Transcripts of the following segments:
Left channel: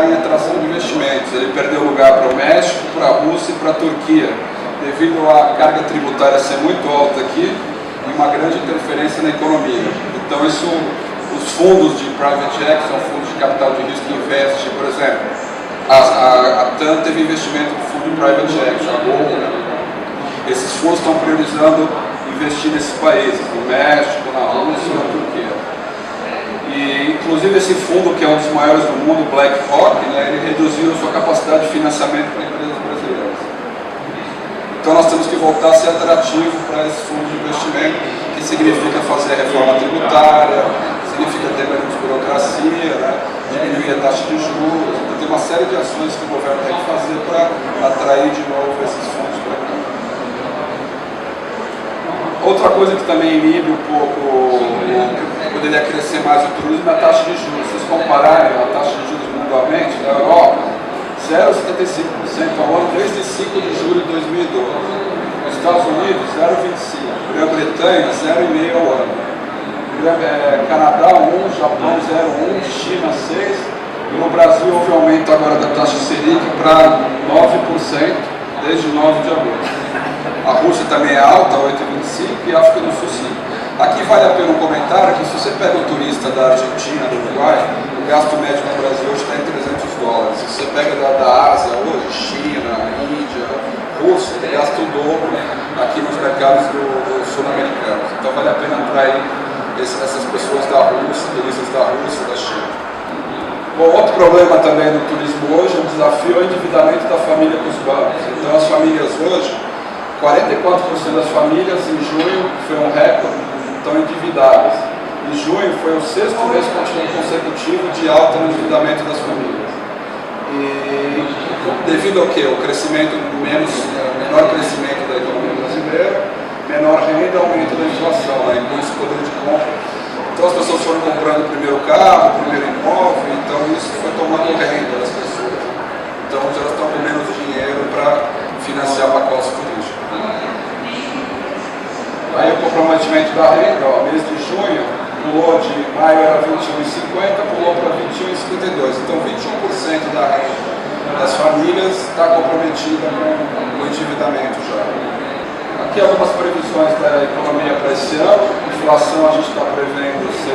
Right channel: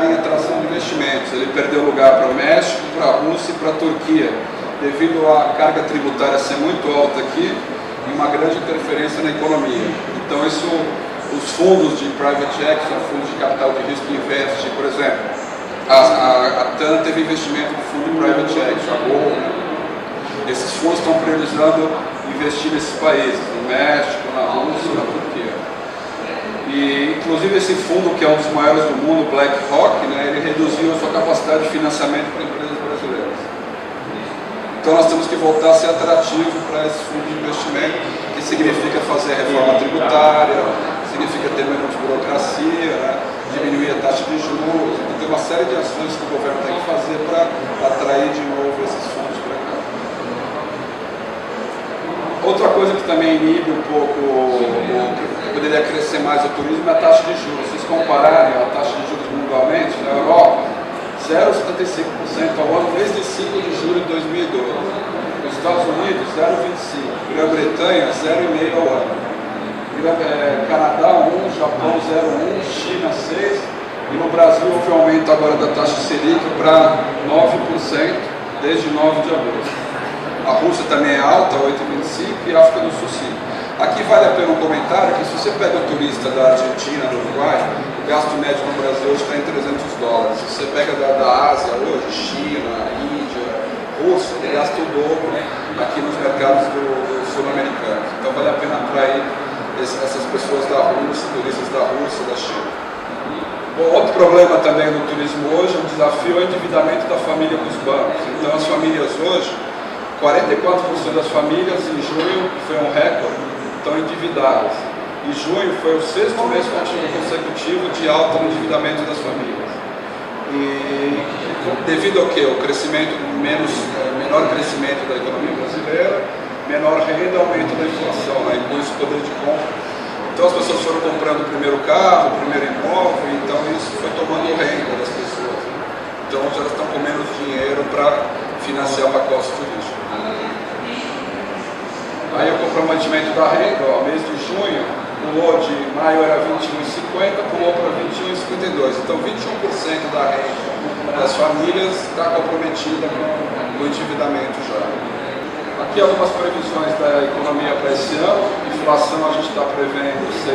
lugar em atração de investimentos. Ele perdeu lugar para o México, para a Rússia e para a Turquia, devido à carga tributária ser muito alta aqui e uma grande interferência na economia. Então, os fundos de private equity, são fundos de capital de risco que investem, por exemplo, a TAM teve investimento no fundo de private equity, a Gol, né? Esses fundos estão priorizando investir nesses países, no México, na Rússia e na Turquia. E, inclusive, esse fundo, que é um dos maiores do mundo, BlackRock, né, ele reduziu sua capacidade de financiamento para empresas brasileiras. Então, nós temos que voltar a ser atrativo para esses fundos de investimento, que significa fazer a reforma tributária, significa ter menos burocracia, né, diminuir a taxa de juros. Então, tem uma série de ações que o governo tem que fazer para atrair de novo esses fundos para cá. Outra coisa que também inibe um pouco, que poderia crescer mais o turismo, é a taxa de juros. Se vocês compararem a taxa de juros mundialmente, na Europa, 0,75% ao ano desde 5 de julho de 2012. Nos Estados Unidos, 0,25%. Grã-Bretanha, 0,5% ao ano. Canadá, 1%, Japão, 0,1%, China, 6%. E no Brasil houve um aumento agora da taxa Selic para 9% desde 9 de agosto. A Rússia também é alta, 8,25%, e a África do Sul 5%. Aqui vale a pena um comentário que se você pega um turista da Argentina, do Uruguai, o gasto médio no Brasil hoje está em $300. Se você pega da Ásia hoje, China, Índia, Rússia, ele gasta o dobro aqui nos mercados do sul-americanos. Então vale a pena atrair essas pessoas da Rússia, turistas da Rússia, da China. Bom, outro problema também no turismo hoje, um desafio, é o endividamento da família com os bancos. Então as famílias hoje, 44% das famílias em junho, que foi um recorde, estão endividadas. E junho foi o 6º mês consecutivo de alta no endividamento das famílias. E devido ao quê? O crescimento, menor crescimento da economia brasileira, menor renda, aumento da inflação, né? E com isso poder de compra. Então as pessoas foram comprando o primeiro carro, o primeiro imóvel, então isso foi tomando renda das pessoas, né? Então hoje elas estão com menos dinheiro para financiar pacotes turísticos. Aí o comprometimento da renda, ó, mês de junho, pulou de maio era 21,50, pulou para 21,52. Então 21% da renda das famílias está comprometida com o endividamento já. Aqui algumas previsões da economia para esse ano. Inflação a gente está prevendo 6%,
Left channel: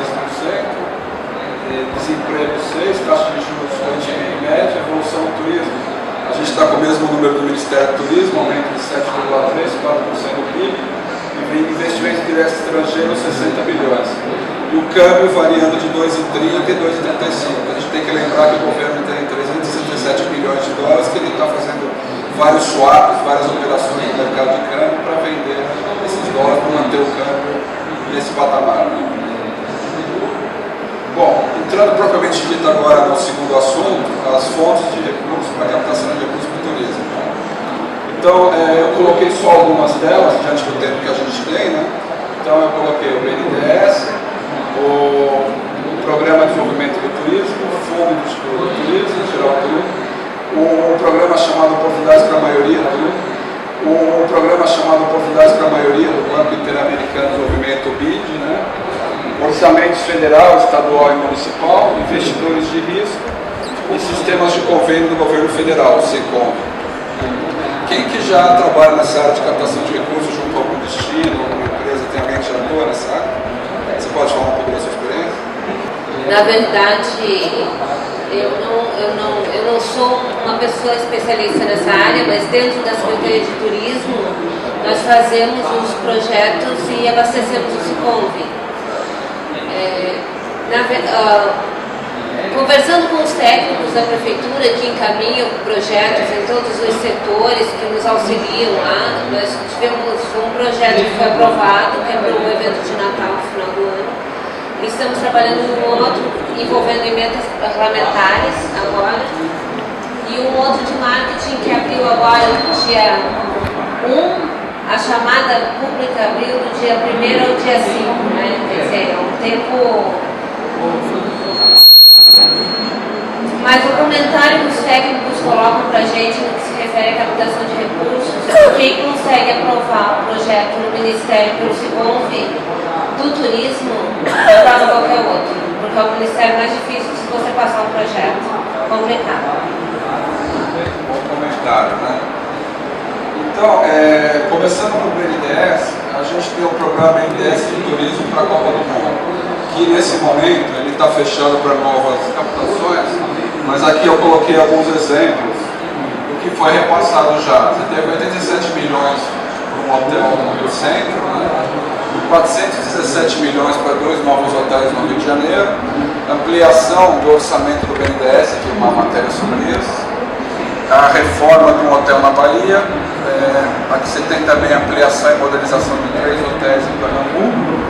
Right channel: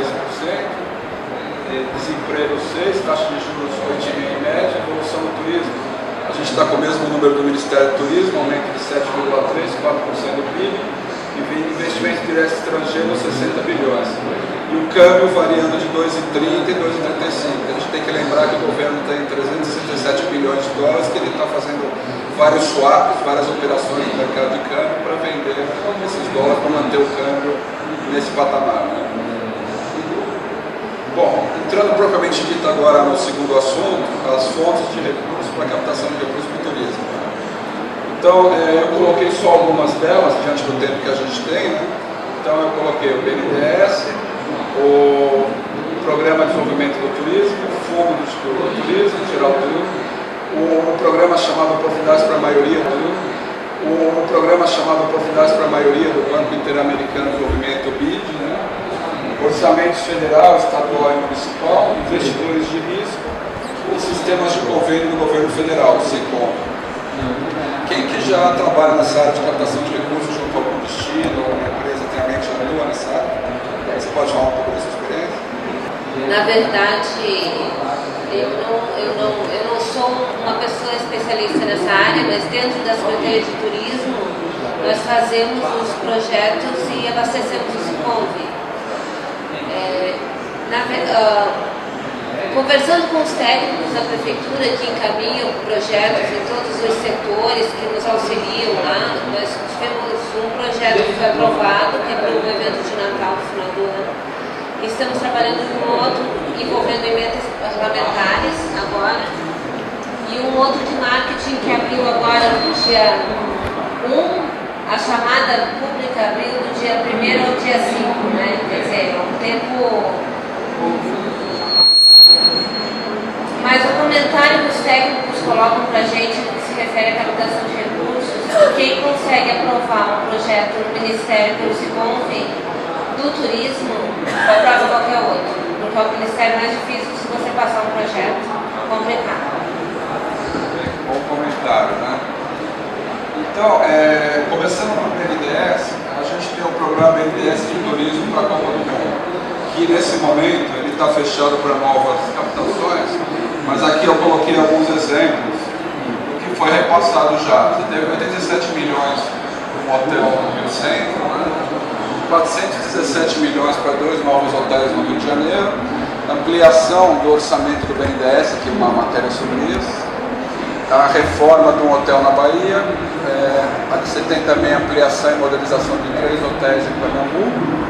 desemprego 6%, taxa de juros 8,5% em média, evolução do turismo. A gente está com o mesmo número do Ministério do Turismo, aumento de 7,3%, 4% do PIB. E investimentos diretos estrangeiros, 60 bilhões. E o câmbio variando de 2,30 e 2,35. A gente tem que lembrar que o governo tem 367 bilhões de dólares, que ele está fazendo vários swaps, várias operações no mercado de câmbio para vender esses dólares, para manter o câmbio nesse patamar, né? Bom, entrando propriamente dito agora no segundo assunto, as fontes de recursos para captação de recursos para o turismo. Então, eu coloquei só algumas delas, diante do tempo que a gente tem, né? Então, eu coloquei o BNDES, o Programa de Desenvolvimento do Turismo, o Fundo do Turismo, Geral do Turismo, o programa chamado Oportunidades para a Maioria do Turismo, o programa chamado Oportunidades para a Maioria do Banco Interamericano de Desenvolvimento, BID, né? Orçamentos federal, estadual e municipal, investidores de risco e sistemas de convênio do governo federal, o SECOM. Quem que já trabalha nessa área de captação de recursos junto a algum destino, alguma empresa, tem alguém que já atua nessa área? Você pode falar um pouco da sua experiência? Na verdade, eu não sou uma pessoa especialista nessa área, mas dentro da Secretaria de Turismo, nós fazemos os projetos e abastecemos o SICOMV. Conversando com os técnicos da Prefeitura que encaminham projetos em todos os setores que nos auxiliam lá, nós tivemos um projeto que foi aprovado, que é para o evento de Natal no final do ano. Estamos trabalhando em um outro envolvendo emendas parlamentares agora, e um outro de marketing que abriu agora no dia 1, a chamada pública abriu do dia 1º ao dia 5, né? Quer dizer, é um tempo... Mas o comentário que os técnicos colocam para a gente no que se refere à captação de recursos, quem consegue aprovar um projeto no Ministério pelo SICOMV do turismo, aprova qualquer outro, porque é o Ministério mais difícil se você passar um projeto. complicado. Bom comentário, né? Então, começando com o BNDES, a gente tem o programa BNDES de turismo para a Copa do Mundo, que nesse momento ele está fechado para novas captações, mas aqui eu coloquei alguns exemplos do que foi repassado já. Você teve 87 milhões para um hotel no Rio Centro, né? 417 milhões para 2 novos hotéis no Rio de Janeiro, ampliação do orçamento do BNDES, aqui uma matéria sobre isso, a reforma de um hotel na Bahia, aqui você tem também ampliação e modernização de 3 hotéis em Pernambuco,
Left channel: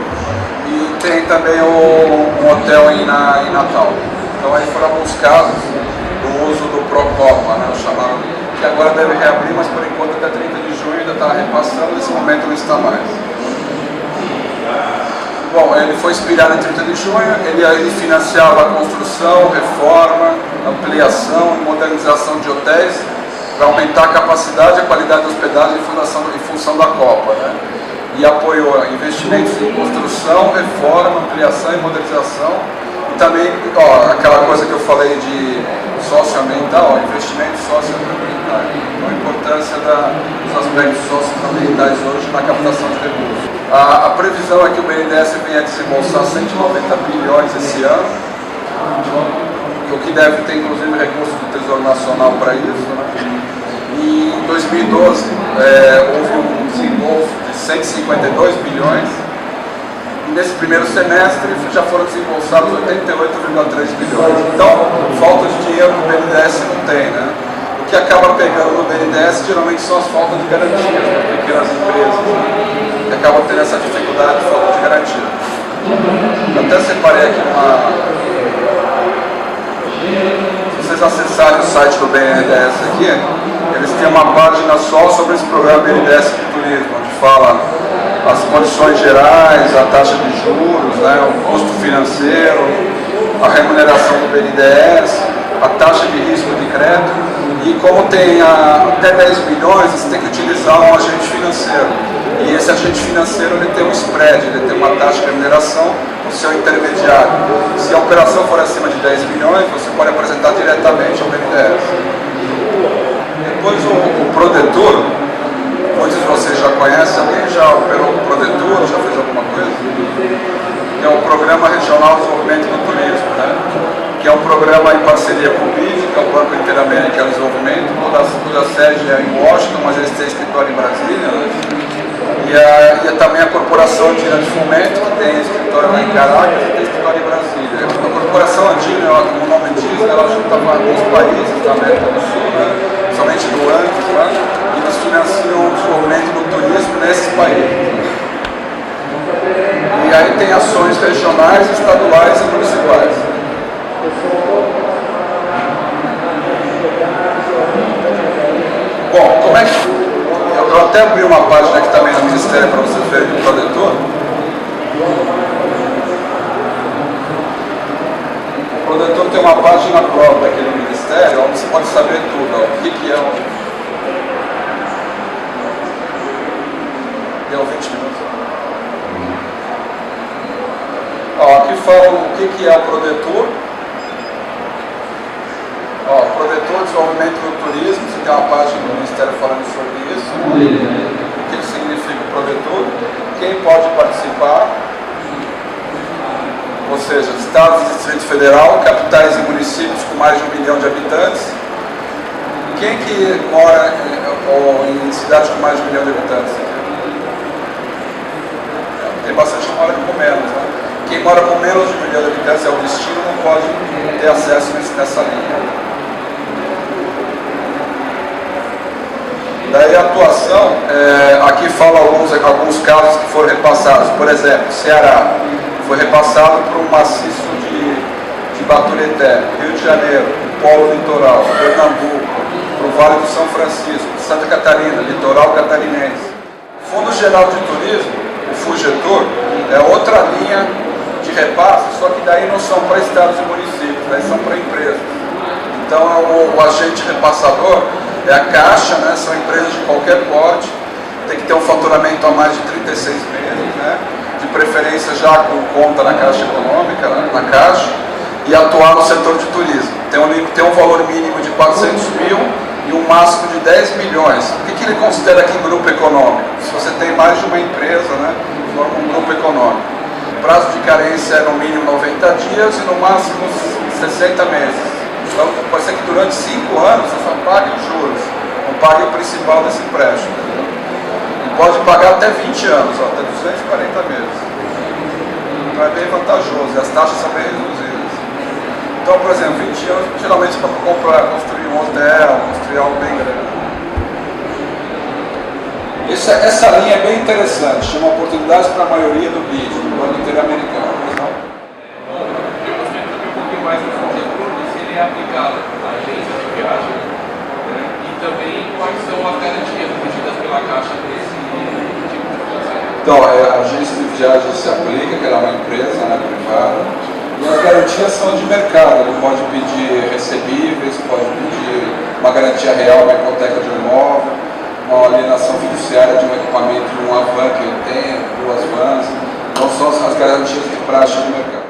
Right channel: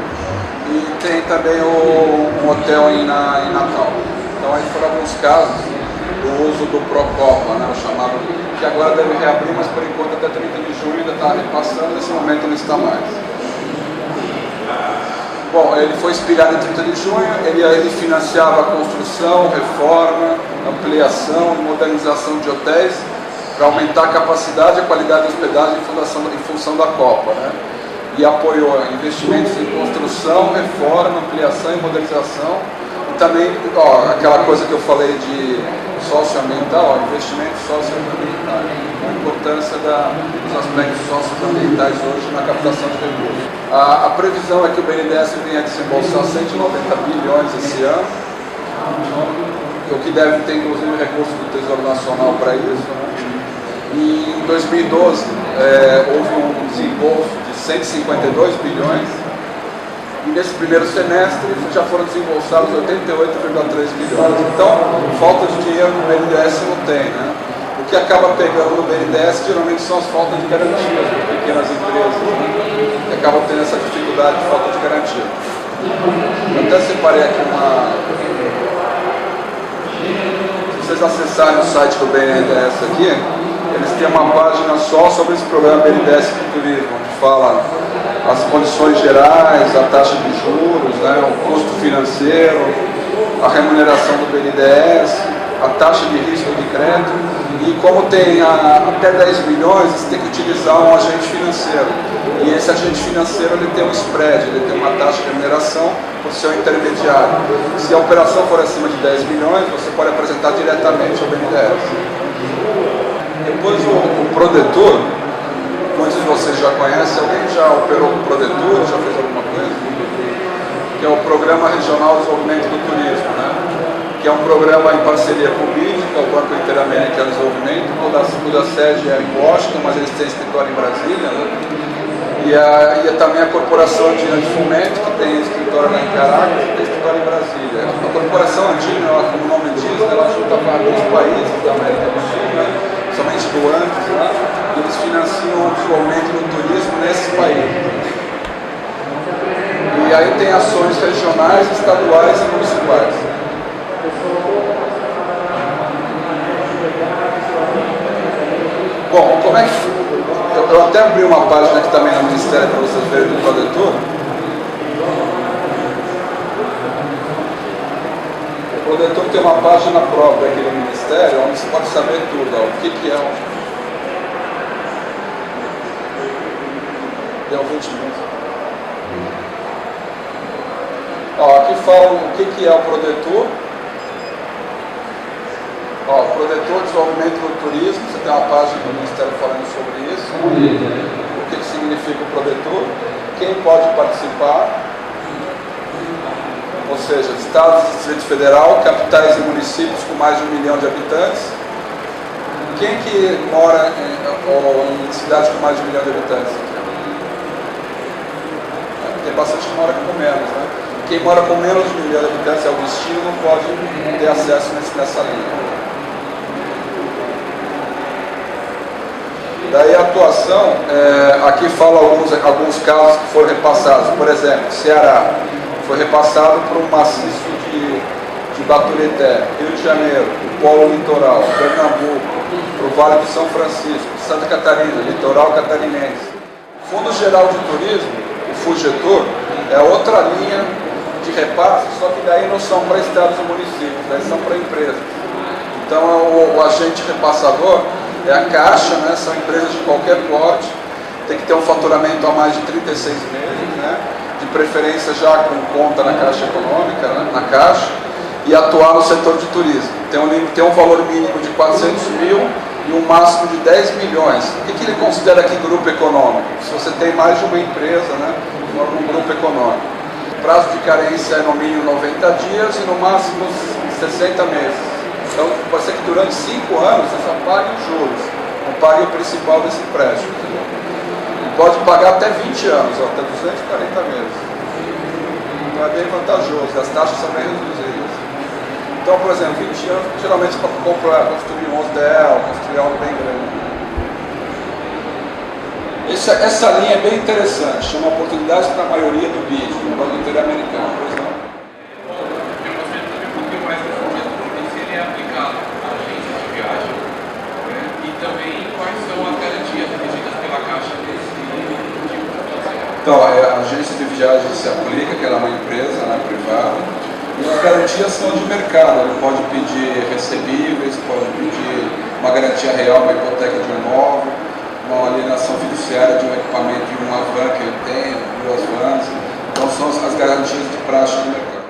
e tem também um hotel em Natal. Então aí foram alguns casos do uso do Procopa, né, o chamado, que agora deve reabrir, mas por enquanto até 30 de junho ainda está repassando, nesse momento não está mais. Bom, ele foi expirado em 30 de junho, ele financiava a construção, reforma, ampliação e modernização de hotéis para aumentar a capacidade e a qualidade da hospedagem em função da Copa, né? E apoiou investimentos em construção, reforma, ampliação e modernização. E também, aquela coisa que eu falei de socioambiental, investimentos socioambientais. Então, a importância dos aspectos socioambientais hoje na captação de recursos. A previsão é que o BNDES venha a desembolsar 190 bilhões esse ano, o que deve ter inclusive recursos do Tesouro Nacional para isso, né? E em 2012 houve um desembolso de 152 bilhões, e nesse primeiro semestre já foram desembolsados 88,3 bilhões. Então, falta de dinheiro no BNDES não tem, né? O que acaba pegando no BNDES geralmente são as faltas de garantias para pequenas empresas, né? Que acabam tendo essa dificuldade de falta de garantia. Eu até separei aqui Se vocês acessarem o site do BNDES aqui, eles têm uma página só sobre esse programa BNDES de turismo, onde fala as condições gerais, a taxa de juros, né, o custo financeiro, a remuneração do BNDES, a taxa de risco de crédito, e como tem até 10 milhões, você tem que utilizar um agente financeiro. E esse agente financeiro ele tem um spread, ele tem uma taxa de remuneração por ser um intermediário. Se a operação for acima de 10 milhões, você pode apresentar diretamente ao BNDES. Depois o Prodetur, muitos de vocês já conhecem, alguém já operou com o Prodetur, já fez alguma coisa? Que é o Programa Regional de Desenvolvimento do Turismo, né? Que é um programa em parceria com o BID, que é o Banco Interamericano de Desenvolvimento, cuja sede é em Washington, mas eles têm escritório em Brasília, né? E também a Corporação Andina de Fomento, que tem escritório lá em Caracas e tem escritório em Brasília. A Corporação Andina, como o nome diz, ela juntava alguns países da América do Sul, né? Somente do Andes lá, e eles financiam o desenvolvimento do turismo nesses países. E aí tem ações regionais, estaduais e municipais. Bom, como é que... Eu até abri uma página aqui também no Ministério para vocês verem do Prodetur. O Prodetur tem uma página própria aqui no Ministério, onde você pode saber tudo, ó, o que é Deu 20 minutos. Ó, aqui fala o que é o Prodetur. Ó, o Prodetur Desenvolvimento do Turismo, você tem uma página do Ministério falando sobre isso, né? O que significa o Prodetur, quem pode participar, ou seja, estados e Distrito Federal, capitais e municípios com mais de 1 milhão de habitantes. Quem que mora em cidades com mais de 1 milhão de habitantes? Tem bastante que mora com menos, né? Quem mora com menos de 1 milhão de habitantes é o destino, não pode ter acesso nessa linha. Daí a atuação, aqui fala alguns casos que foram repassados. Por exemplo, Ceará foi repassado para um maciço de Baturité, Rio de Janeiro, o Polo Litoral, Pernambuco, para o Vale do São Francisco, Santa Catarina, Litoral Catarinense. Fundo Geral de Turismo, o FUGETUR, é outra linha de repasse, só que daí não são para estados e municípios, daí são para empresas. Então o agente repassador é a Caixa, né? São empresas de qualquer porte, tem que ter um faturamento a mais de 36 meses, né? De preferência já com conta na Caixa Econômica, né? Na Caixa, e atuar no setor de turismo. tem um valor mínimo de 400 mil e um máximo de 10 milhões. O que ele considera aqui grupo econômico? Se você tem mais de uma empresa, né, forma um grupo econômico. O prazo de carência é no mínimo 90 dias e no máximo 60 meses. Então pode ser que durante 5 anos você só pague os juros, não pague o principal desse empréstimo. Entendeu? E pode pagar até 20 anos, até 240 meses. Então é bem vantajoso e as taxas são bem reduzidas. Então, por exemplo, 20 anos geralmente para comprar, construir um hotel, construir algo bem grande. Essa linha é bem interessante, chama Oportunidades para a Maioria do BID, do Banco Interamericano, pois não? Bom, eu gostaria de saber um pouquinho mais desse setor e se ele é aplicado a agências de viagem, né? E também quais são as garantias exigidas pela Caixa desse tipo de financiamento. Então, a agência de viagem se aplica, que ela é uma empresa, né, privada. E as garantias são de mercado, ele pode pedir recebíveis, pode pedir uma garantia real, uma hipoteca de um imóvel, uma alienação fiduciária de um equipamento de uma van que ele tenha, 2 vans. Então são as garantias de praxe do mercado.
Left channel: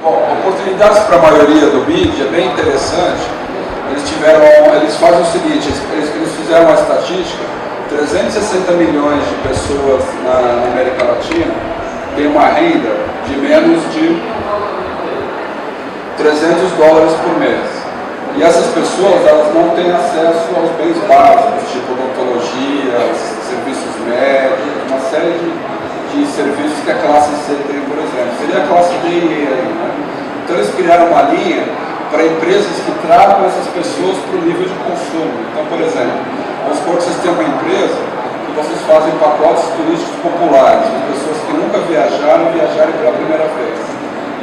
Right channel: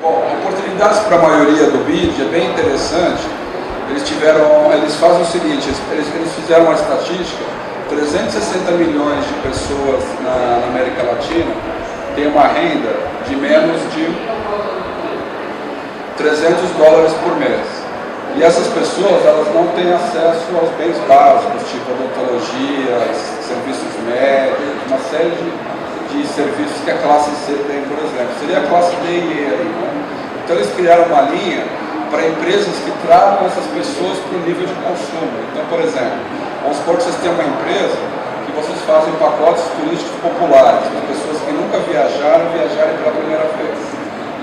Bom, oportunidades para a maioria do BID é bem interessante. Eles fazem o seguinte, eles fizeram uma estatística, 360 milhões de pessoas na América Latina têm uma renda de menos de $300 por mês. E essas pessoas, elas não têm acesso aos bens básicos, tipo odontologia, serviços médicos, uma série de serviços que a classe C tem, por exemplo. Seria a classe D e E aí, né? Então eles criaram uma linha para empresas que tragam essas pessoas para o nível de consumo. Então, por exemplo, vamos supor que vocês têm uma empresa que vocês fazem pacotes turísticos populares, as pessoas que nunca viajarem pela primeira vez.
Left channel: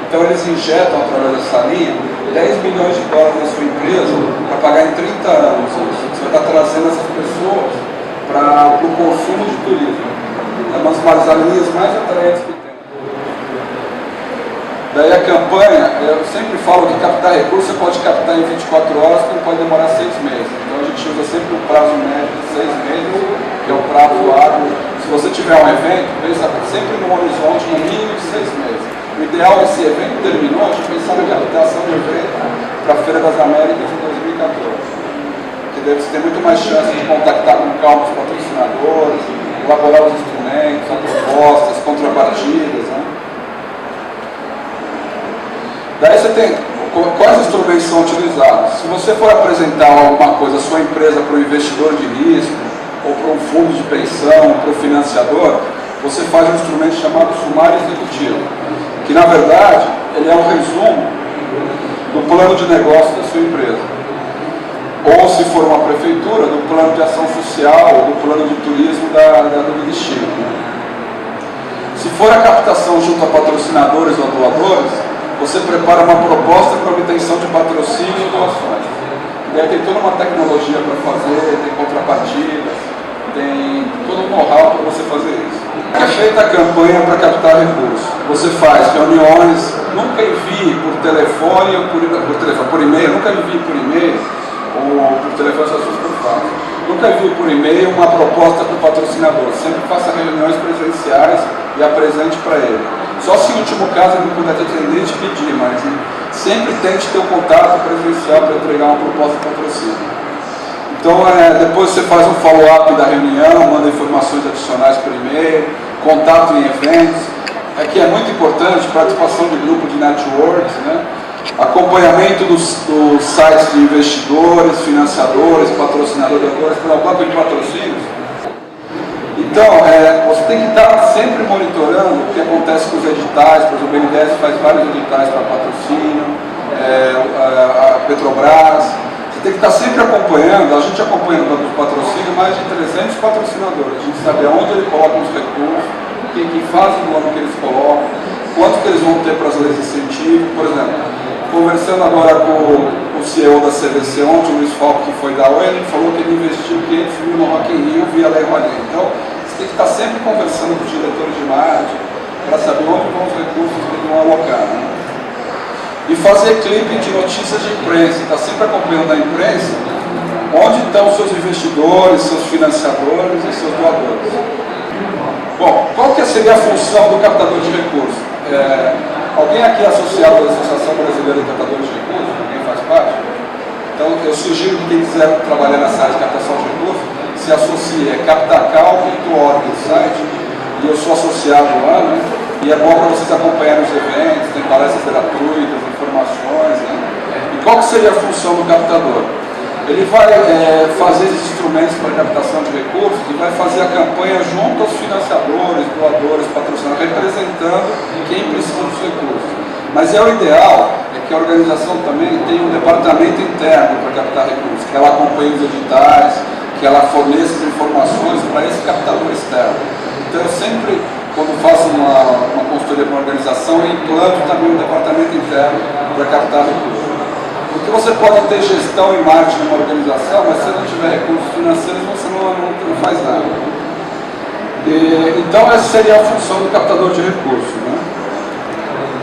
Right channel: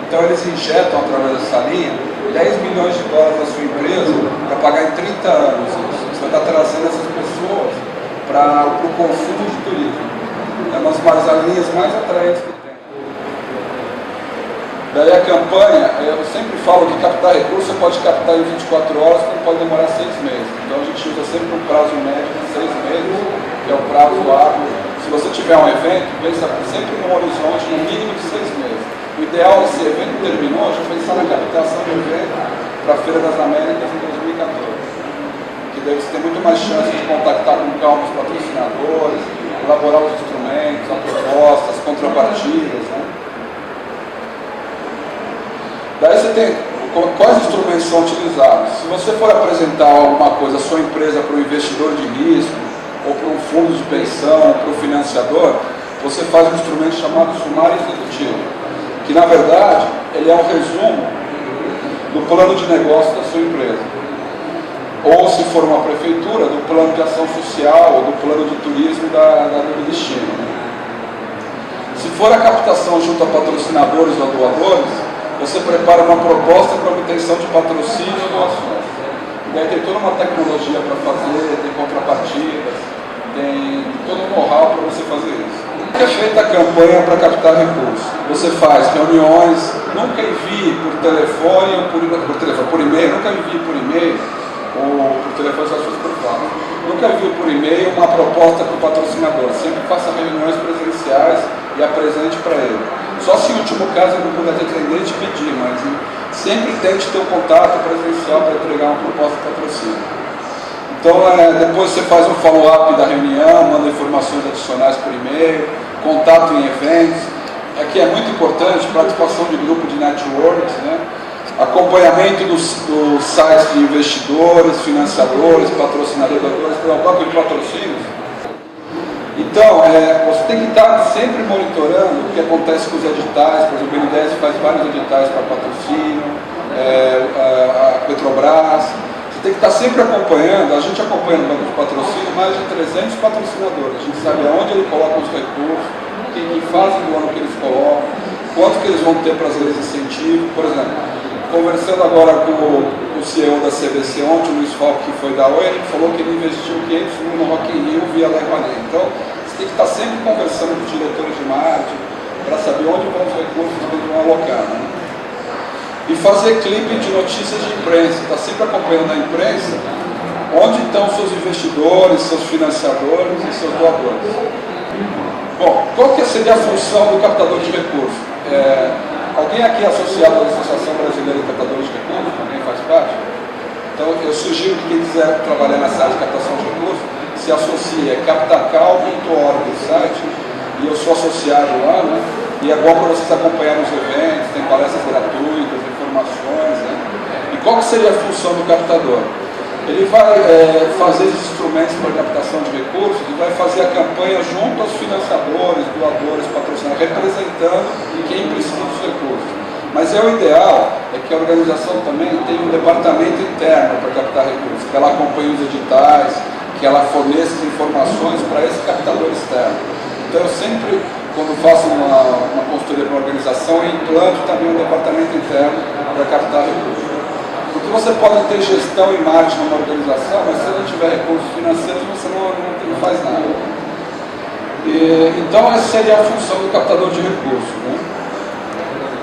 Então eles injetam através dessa linha $10 milhões na sua empresa para pagar em 30 anos isso. Você está trazendo essas pessoas para o consumo de turismo. É uma das linhas mais atraentes que tem. Daí a campanha, eu sempre falo que captar recursos você pode captar em 24 horas, como pode demorar 6 meses. Então a gente usa sempre um prazo médio de 6 meses, que é o prazo hábil. Se você tiver um evento, pensa sempre num horizonte no mínimo de 6 meses. O ideal é, esse evento terminou, a gente pensar na captação de evento para a Feira das Américas em 2014. Que daí você tem muito mais chance de contactar com calma os patrocinadores, elaborar os instrumentos, as propostas, as contrapartidas. Né? Daí você tem quais instrumentos são utilizados. Se você for apresentar alguma coisa, a sua empresa para um investidor de risco, ou para um fundo de pensão, para o financiador, você faz um instrumento chamado sumário executivo, que na verdade ele é um resumo do plano de negócio da sua empresa. Ou se for uma prefeitura, do plano de ação social ou do plano de turismo do destino. Né? Se for a captação junto a patrocinadores ou doadores, você prepara uma proposta para obtenção de patrocínio ou doações. E daí tem toda uma tecnologia para fazer, tem contrapartidas, tem todo um know-how para você fazer isso. É feita a campanha para captar recursos. Você faz reuniões, nunca envie por telefone ou por e-mail, nunca envie por e-mail ou por telefone, essas coisas por fato. Nunca envie por e-mail uma proposta para o patrocinador. Sempre faça reuniões presenciais e apresente para ele. Só se em último caso ele não puder te atender e te pedir, mas sempre tente ter um contato presencial para entregar uma proposta de patrocínio. Então, depois você faz um follow-up da reunião, manda informações adicionais por e-mail, contato em eventos. Aqui é muito importante, participação de grupo de networks, né? Acompanhamento dos sites de investidores, financiadores, patrocinadores, para o banco de patrocínios. Então, você tem que estar sempre monitorando o que acontece com os editais. Por exemplo, o BNDES faz vários editais para patrocínio, a Petrobras. Tem que estar sempre acompanhando, a gente acompanha no banco de patrocínio mais de 300 patrocinadores. A gente sabe aonde ele coloca os recursos, em que fase do ano que eles colocam, quanto que eles vão ter para as leis de incentivo. Por exemplo, conversando agora com o CEO da CVC ontem, o Luiz Falco, que foi da Oi, ele falou que ele investiu 500 mil no Rock in Rio via Lei Rouanet. Então, você tem que estar sempre conversando com os diretores de marketing para saber onde vão os recursos que eles vão alocar. Né? E fazer clipe de notícias de imprensa, está sempre acompanhando a imprensa onde estão seus investidores, seus financiadores e seus doadores. Bom, qual que seria a função do captador de recursos? Alguém aqui é associado à Associação Brasileira de Captadores de Recursos? Alguém faz parte? Então, eu sugiro que quem quiser trabalhar nessa área de captação de recursos, se associe, é captacal.org o site, e eu sou associado lá, né? E é bom para vocês acompanharem os eventos, tem palestras gratuitas, informações, né? E qual que seria a função do captador? Ele vai fazer esses instrumentos para captação de recursos e vai fazer a campanha junto aos financiadores, doadores, patrocinadores, representando quem precisa dos recursos. Mas o ideal é que a organização também tenha um departamento interno para captar recursos, que ela acompanhe os editais, que ela forneça as informações para esse captador externo. Então eu sempre, quando faço uma consultoria para uma organização, eu implanto também um departamento interno para captar recursos. Porque você pode ter gestão e marketing numa organização, mas se você não tiver recursos financeiros, você não faz nada. Então essa seria a função do captador de recursos, né?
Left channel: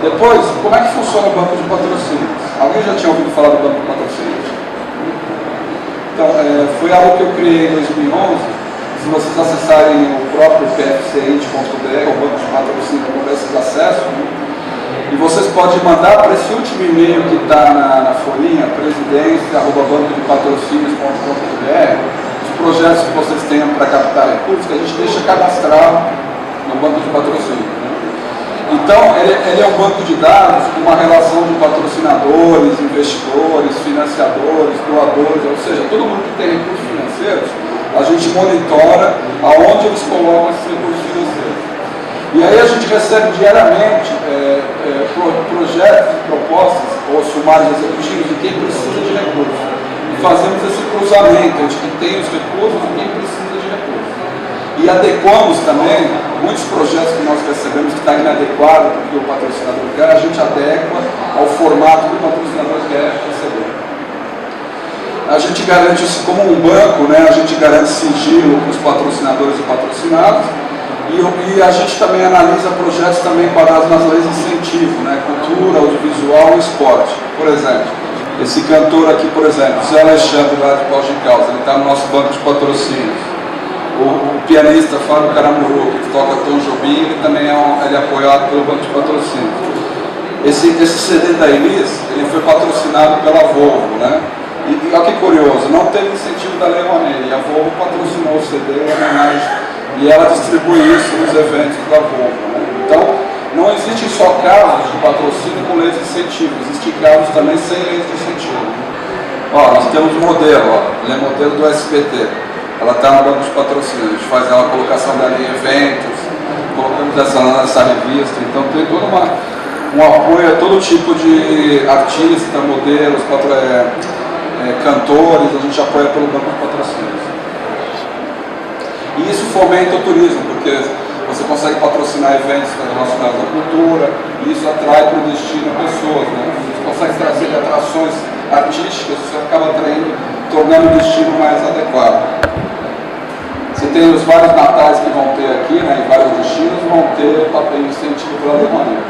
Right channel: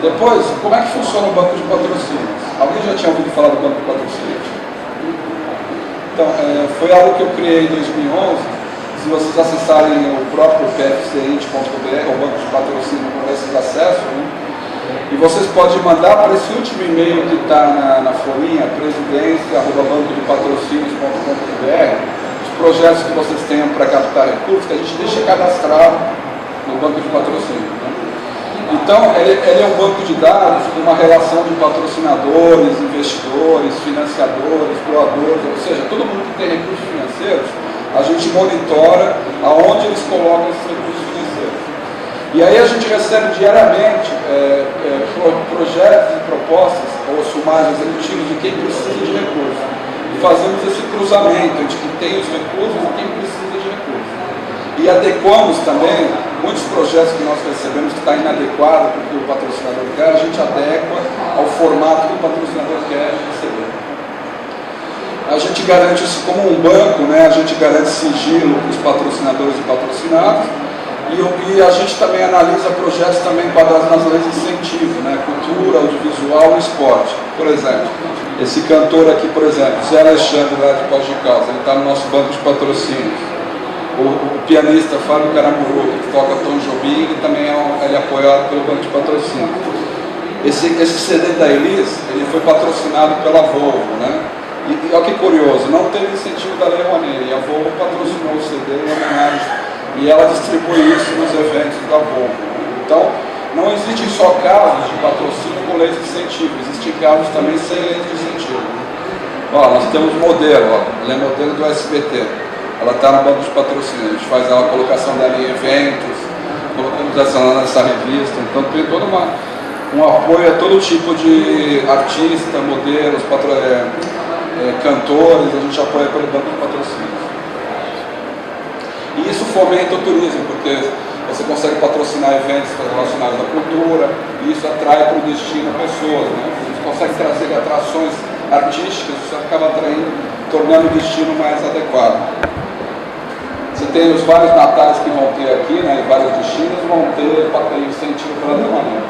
Depois, como é que funciona o banco de patrocínios? Alguém já tinha ouvido falar do banco de patrocínios? Então, foi algo que eu criei em 2011. Se vocês acessarem o próprio pfcint.br, o banco de patrocínio, com esses acessos, né? E vocês podem mandar para esse último e-mail que está na folhinha, presidência@bancodepatrocínios.com.br, os projetos que vocês tenham para captar recursos, que a gente deixa cadastrado no banco de patrocínio, né? Então, ele é um banco de dados com uma relação de patrocinadores, investidores, financiadores, doadores, ou seja, todo mundo que tem recursos financeiros, a gente monitora aonde eles colocam esses recursos financeiros. E aí a gente recebe diariamente projetos e propostas, ou sumários executivos de quem precisa de recursos. E fazemos esse cruzamento entre quem tem os recursos e quem precisa de recursos. E adequamos também muitos projetos que nós recebemos que está inadequado porque o patrocinador quer, a gente adequa ao formato que o patrocinador quer receber. A gente garante isso como um banco, né? A gente garante sigilo para os patrocinadores e patrocinados. E a gente também analisa projetos também enquadrados nas leis de incentivo, né? Cultura, audiovisual e esporte. Por exemplo, esse cantor aqui, por exemplo, Zé Alexandre lá de Pós de Caldas, ele está no nosso banco de patrocínios. O pianista Fábio Caramuru, que toca Tom Jobim, ele também é apoiado pelo banco de patrocínio. Esse CD da Elis, ele foi patrocinado pela Volvo, né? E olha que curioso, não teve incentivo da Lei Rouanet, e a Volvo patrocinou o CD em homenagem, e ela distribui isso nos eventos da Volvo, né? Então, não existem só casos de patrocínio com leis de incentivo, existem casos também sem leis de incentivo. Ó, nós temos modelo, ó, ele é modelo do SBT. Ela está no banco de patrocínio, a gente faz a colocação dela em eventos, colocamos essa lá nessa revista, então tem todo um apoio a todo tipo de artista, modelos, cantores, a gente apoia pelo banco de patrocínios. E isso fomenta o turismo, porque você consegue patrocinar eventos relacionados à cultura, e isso atrai para o destino pessoas, né? Você consegue trazer atrações artísticas, isso acaba atraindo, tornando o destino mais adequado. Você tem os vários natais que vão ter aqui, né, em vários destinos, vão ter incentivo pela Lei Rouanet.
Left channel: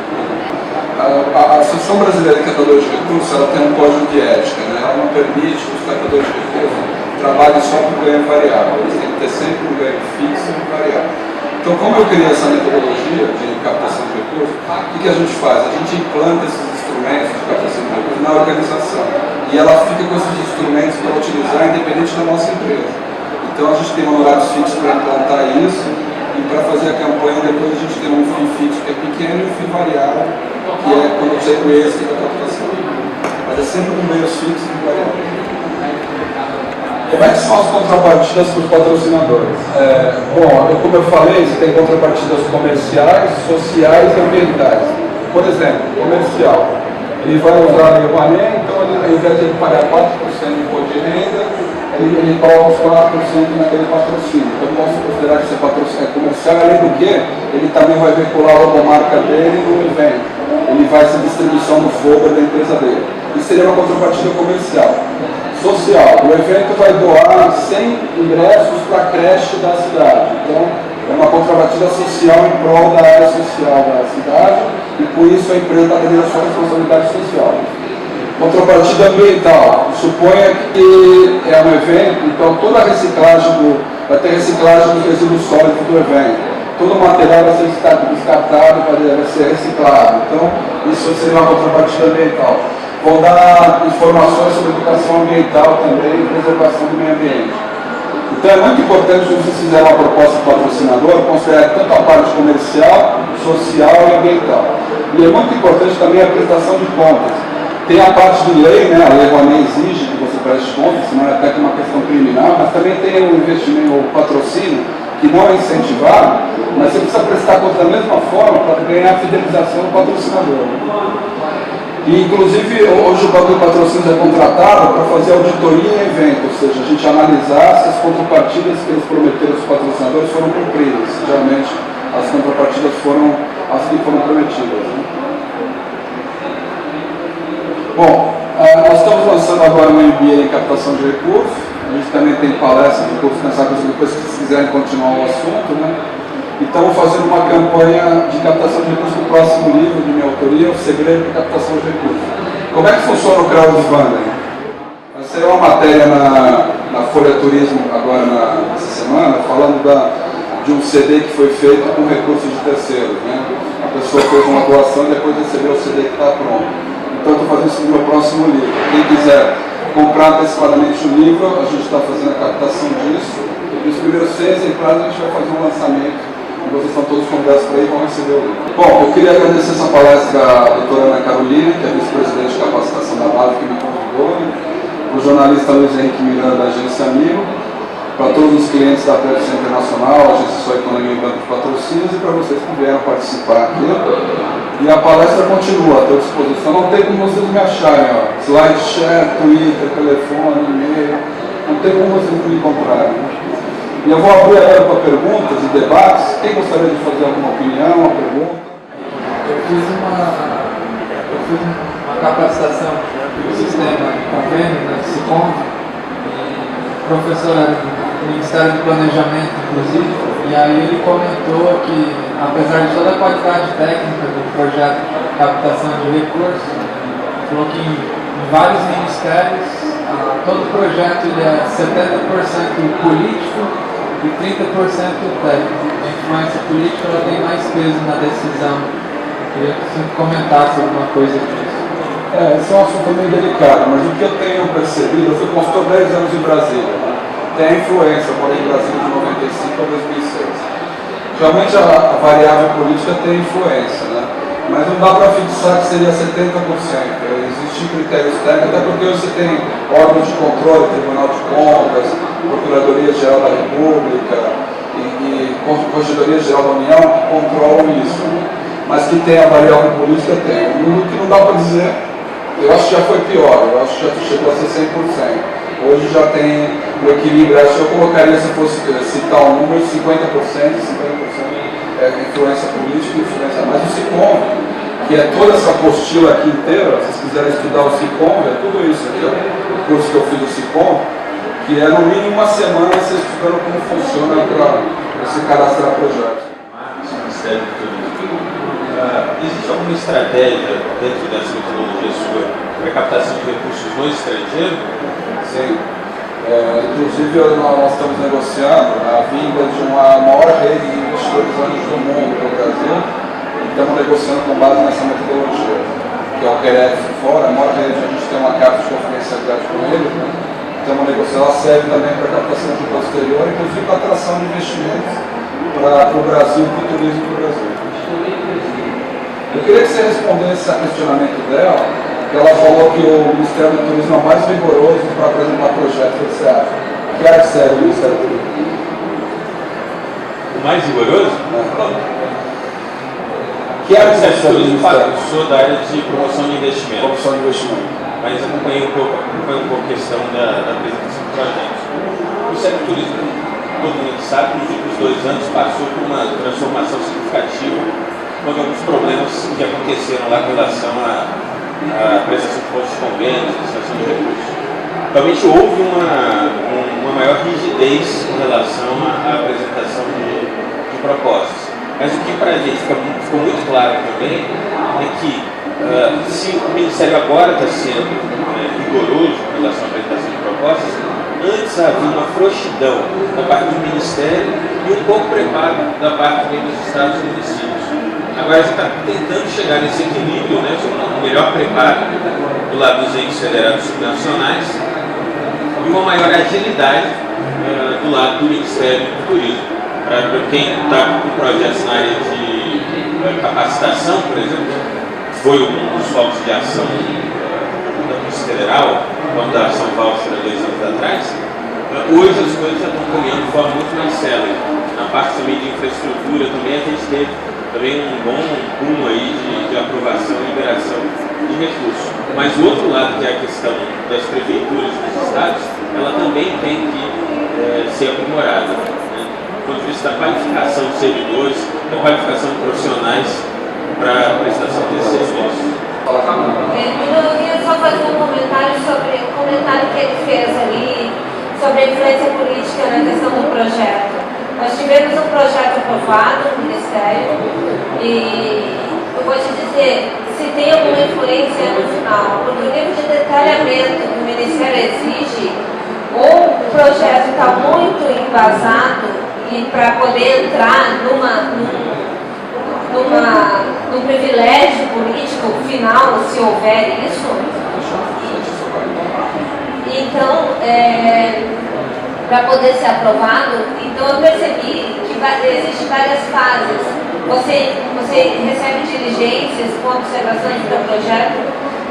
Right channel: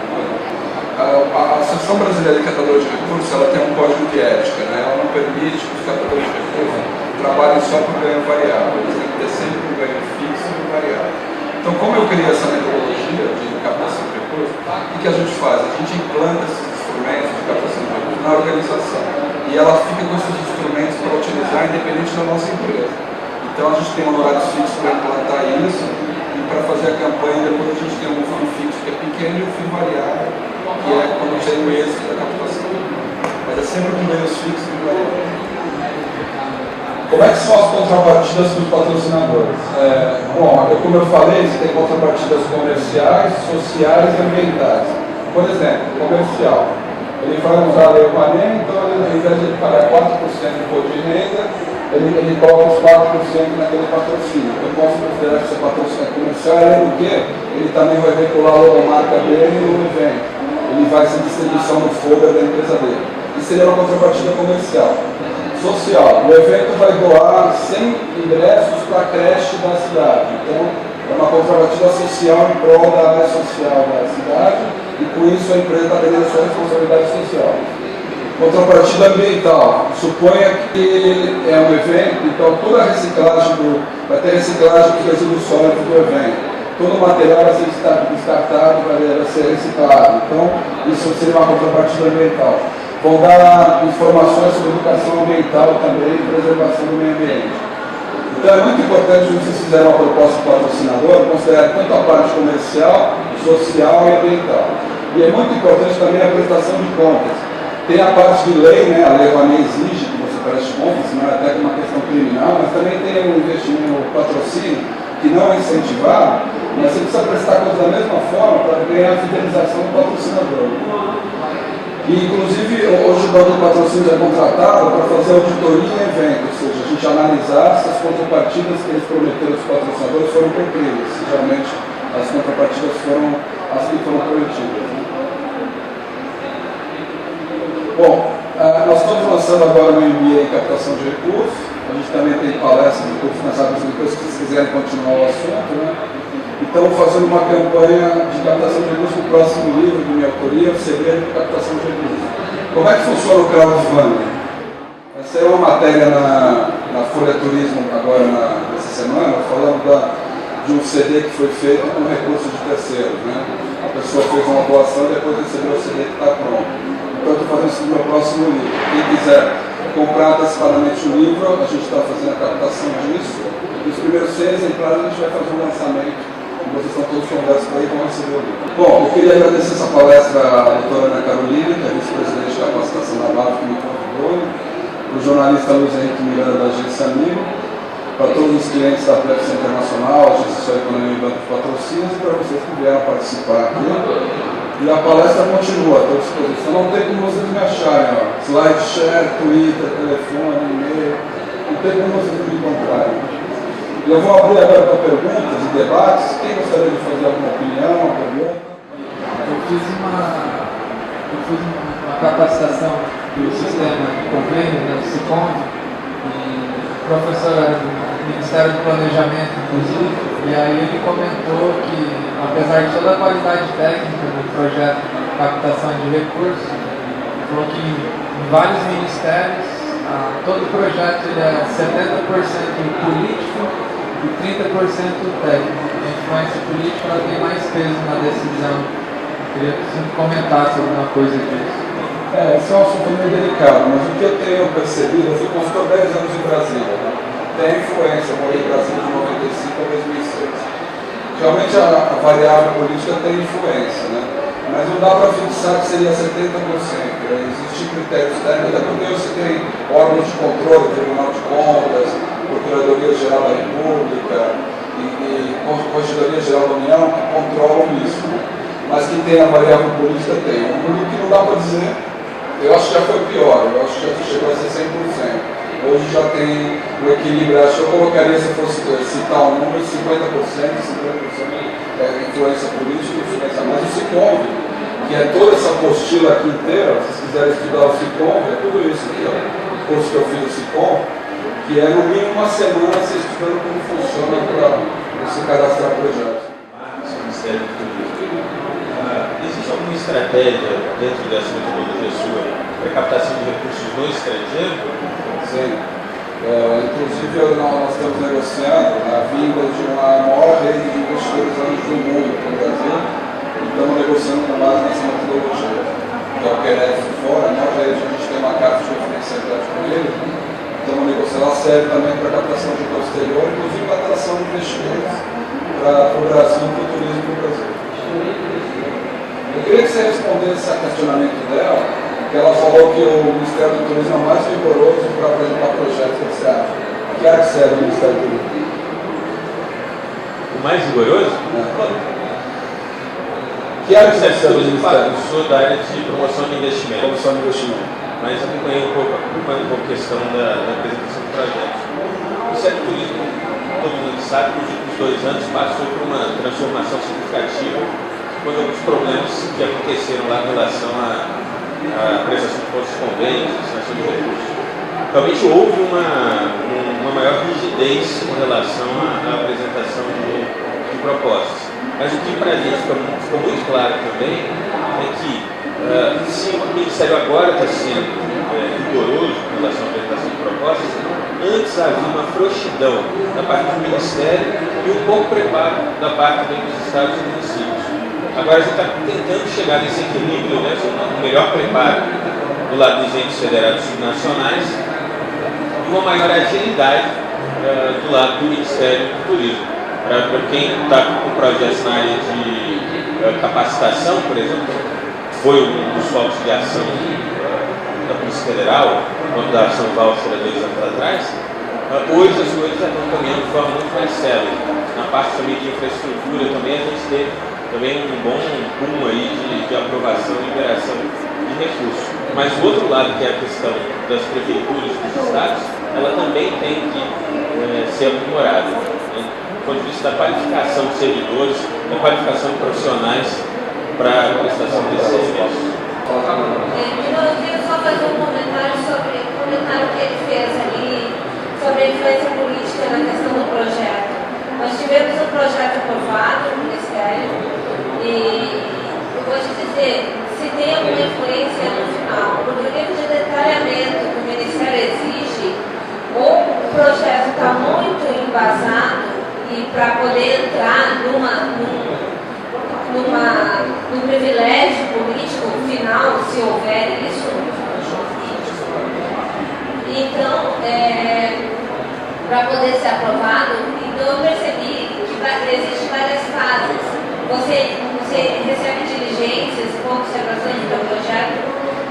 A Associação Brasileira de Catadores de Recursos, ela tem um código de ética, né? Ela não permite que os catadores de recursos trabalhem só por ganho variável, eles têm que ter sempre um ganho fixo e um variável. Então, como eu criei essa metodologia de captação de recursos, o que a gente faz? A gente implanta esses instrumentos de captação de recursos na organização, e ela fica com esses instrumentos para utilizar independente da nossa empresa. Então a gente tem honorários fixos para implantar isso, e para fazer a campanha depois a gente tem um FII fixo que é pequeno e um FII variável, que é quando tem o êxito da captação. Mas é sempre com ganhos fixos e variáveis. Como é que são as contrapartidas para os patrocinadores? Bom, como eu falei, você tem contrapartidas comerciais, sociais e ambientais. Por exemplo, comercial. Ele vai usar a Lei Rouanet, então ele, ao invés de ele pagar 4% de imposto de renda, ele coloca os 4% naquele patrocínio. Eu posso considerar que esse patrocínio é comercial, além do que ele também vai veicular a logomarca dele no evento. Ele vai ser distribuição do flyer da empresa dele. Isso seria uma contrapartida comercial. Social. O evento vai doar 100 ingressos para a creche da cidade. Então, é uma contrapartida social em prol da área social da cidade, e com isso a empresa está tendo a sua responsabilidade social. Contrapartida ambiental. Suponha que é um evento, então toda a reciclagem vai ter reciclagem dos resíduos sólidos do evento. Todo o material vai ser descartado, vai ser reciclado. Então, isso seria uma contrapartida ambiental. vão dar informações sobre educação ambiental também e preservação do meio ambiente. Então é muito importante que vocês fizerem uma proposta patrocinadora, considere tanto a parte comercial, social e ambiental. E é muito importante também a prestação de contas. Tem a parte de lei, né? A Lei Rouanet exige que você preste contas, senão é até uma questão criminal, mas também tem o investimento, o patrocínio, que não é incentivado, mas você precisa prestar contas da mesma forma para ganhar a fidelização do patrocinador. E, inclusive, hoje o banco de patrocínios é contratado para fazer auditoria em evento, ou seja, a gente analisar se as contrapartidas que eles prometeram aos patrocinadores foram cumpridas. Geralmente, as contrapartidas foram as que foram prometidas. Né? Bom, nós estamos lançando agora um MBA em captação de recursos. A gente também tem palestras de curso nessa coisa, depois que vocês quiserem continuar o assunto, né? E estamos fazendo uma campanha de captação de recursos no próximo livro de minha autoria, O Segredo de Captação de Recursos. Como é que funciona o crowdfunding? Vai ser uma matéria na Folha Turismo agora nessa semana, falando de um CD que foi feito com recursos de terceiros. Né? A pessoa fez uma doação e depois recebeu o CD que está pronto. Então estou fazendo isso no meu próximo livro. Quem quiser comprar antecipadamente o livro, a gente está fazendo a captação disso. E os primeiros 6 exemplares a gente vai fazer um lançamento. Vocês estão todos convidados para ir e vão receber o livro. Bom, eu queria agradecer essa palestra à doutora Ana Carolina, que é vice-presidente de capacitação da BAV, que me convidou, para o jornalista Luiz Henrique Miranda, da Agência Amigo, para todos os clientes da Pepsi Internacional, Agência Sua Economia e Banco de Patrocínios, e para vocês que vieram participar aqui. E a palestra continua, estou à disposição. Não tem como vocês me acharem, ó. SlideShare, Twitter, telefone, e-mail, não tem como vocês me encontrarem. E eu vou abrir agora para perguntas e debates. Quem gostaria de fazer alguma opinião, uma pergunta? Eu fiz uma capacitação do sistema de convênio, da SICOM, e professora do Ministério do Planejamento, inclusive, e aí ele comentou que, apesar de toda a qualidade técnica do projeto de captação de recursos, falou que em vários ministérios, todo projeto ele é 70% político e 30% técnico. A influência política ela tem mais peso na decisão. Eu queria que você comentasse alguma coisa disso. Esse é um assunto meio delicado, mas o que eu tenho percebido, eu fui consultor 10 anos em Brasília. Né? Tem a influência, eu morei em Brasília de 95 a 2006. Realmente a variável política tem influência, né? Mas não dá para fixar que seria 70%. Existem critérios técnicos, até porque você tem órgãos de controle, Tribunal de Contas, Procuradoria-Geral da República e Corregedoria-Geral da União que controlam isso. Né? Mas que tem a variável política, tem. Um número que não dá para dizer, eu acho que já foi pior, eu acho que já chegou a ser 100%. Hoje já tem o equilíbrio, acho que eu colocaria, se fosse citar um número, 50%, 50% influência política e influência mais. O SICOM, que é toda essa apostila aqui inteira, se vocês quiserem estudar o SICOM, é tudo isso aqui, ó, o curso que eu fiz do SICOM, que é no mínimo uma semana você estudando como funciona para você cadastrar projetos. Ministério do Turismo. Existe alguma estratégia dentro dessa metodologia sua para captação de recursos no estrangeiro? Sim. Inclusive, nós estamos negociando a vinda de uma maior rede de investidores anjos do mundo para o Brasil e estamos negociando com base nessa metodologia, que é o QRF fora, a maior rede, a gente tem uma carta de confidencialidade com ele, né? Estamos negociando, ela serve também para captação de posterior, inclusive para atração de investimentos para o Brasil, para o turismo do Brasil. Eu queria que você respondesse a questionamento dela, que ela falou que o Ministério do Turismo é o mais rigoroso para apresentar projetos. O que você acha? Que área que serve o Ministério do Turismo? O mais rigoroso? Que área que serve o Ministério? Eu sou da área de promoção de investimento. Promoção de investimento. Mas acompanhei um pouco a questão da apresentação de projetos. O Ministério do Turismo, todo mundo que sabe, nos últimos 2 anos passou por uma transformação significativa, com alguns problemas que aconteceram lá em relação à prestação de postos de convênios, destinação de recursos. Realmente houve uma maior rigidez com relação à apresentação de propostas. Mas o que para a gente ficou muito claro também é que se o Ministério agora está sendo rigoroso em relação à apresentação de propostas, antes havia uma frouxidão da parte do Ministério e um pouco preparo da parte dos estados e municípios. Agora a gente está tentando chegar nesse equilíbrio, né, um melhor preparo do lado dos entes federados subnacionais e uma maior agilidade do lado do Ministério do Turismo. Para quem está com projetos na área de capacitação, por exemplo, foi um dos focos de ação da Polícia Federal, quando da ação Valser há 2 anos atrás. Hoje as coisas já estão caminhando de forma muito mais célere. Na parte também de infraestrutura também a gente teve também um bom boom aí de aprovação e liberação de recursos. Mas o outro lado, que é a questão das prefeituras dos estados, ela também tem que ser aprimorada, né? Do ponto de vista da qualificação de servidores, da qualificação de profissionais para a prestação desses serviços. Eu queria só fazer um comentário sobre o comentário que ele fez ali sobre a influência política na questão do projeto. Nós tivemos um projeto aprovado no Ministério e eu vou te dizer, se tem alguma influência no final, porque o nível de detalhamento que o Ministério exige, ou o projeto está muito embasado e para poder entrar num privilégio político final, se houver isso. Então, para poder ser aprovado, então eu percebi que existem várias fases. Você recebe diligências com observação do seu projeto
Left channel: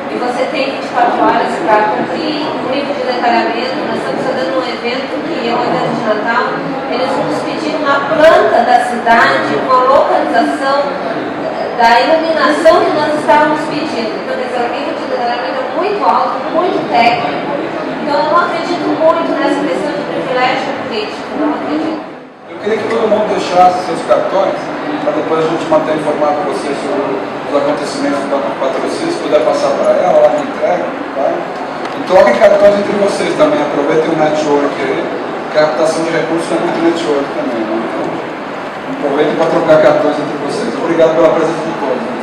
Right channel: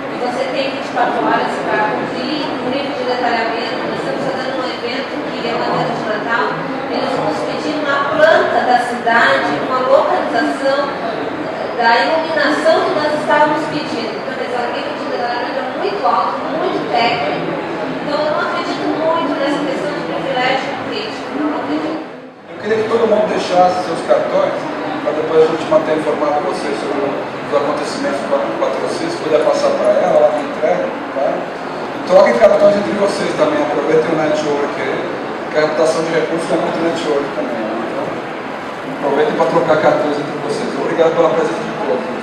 e você tem 24 horas para cumprir o nível de detalhamento. Nós estamos fazendo um evento que é um evento de Natal. Eles vão nos pedir uma planta da cidade com a localização da iluminação que nós estávamos pedindo. Então, quer dizer, o nível de detalhamento é muito alto, muito técnico. Então, eu não acredito muito nessa questão de privilégio político, não acredito. Eu queria que todo mundo deixasse seus cartões, para depois a gente manter informado vocês sobre os acontecimentos do patrocínio, se puder passar para ela, lá que entrega, tá? E troquem cartões entre vocês também, aproveitem o network aí, que a captação de recursos é muito network também, né? Então, aproveitem para trocar cartões entre vocês. Obrigado pela presença de todos.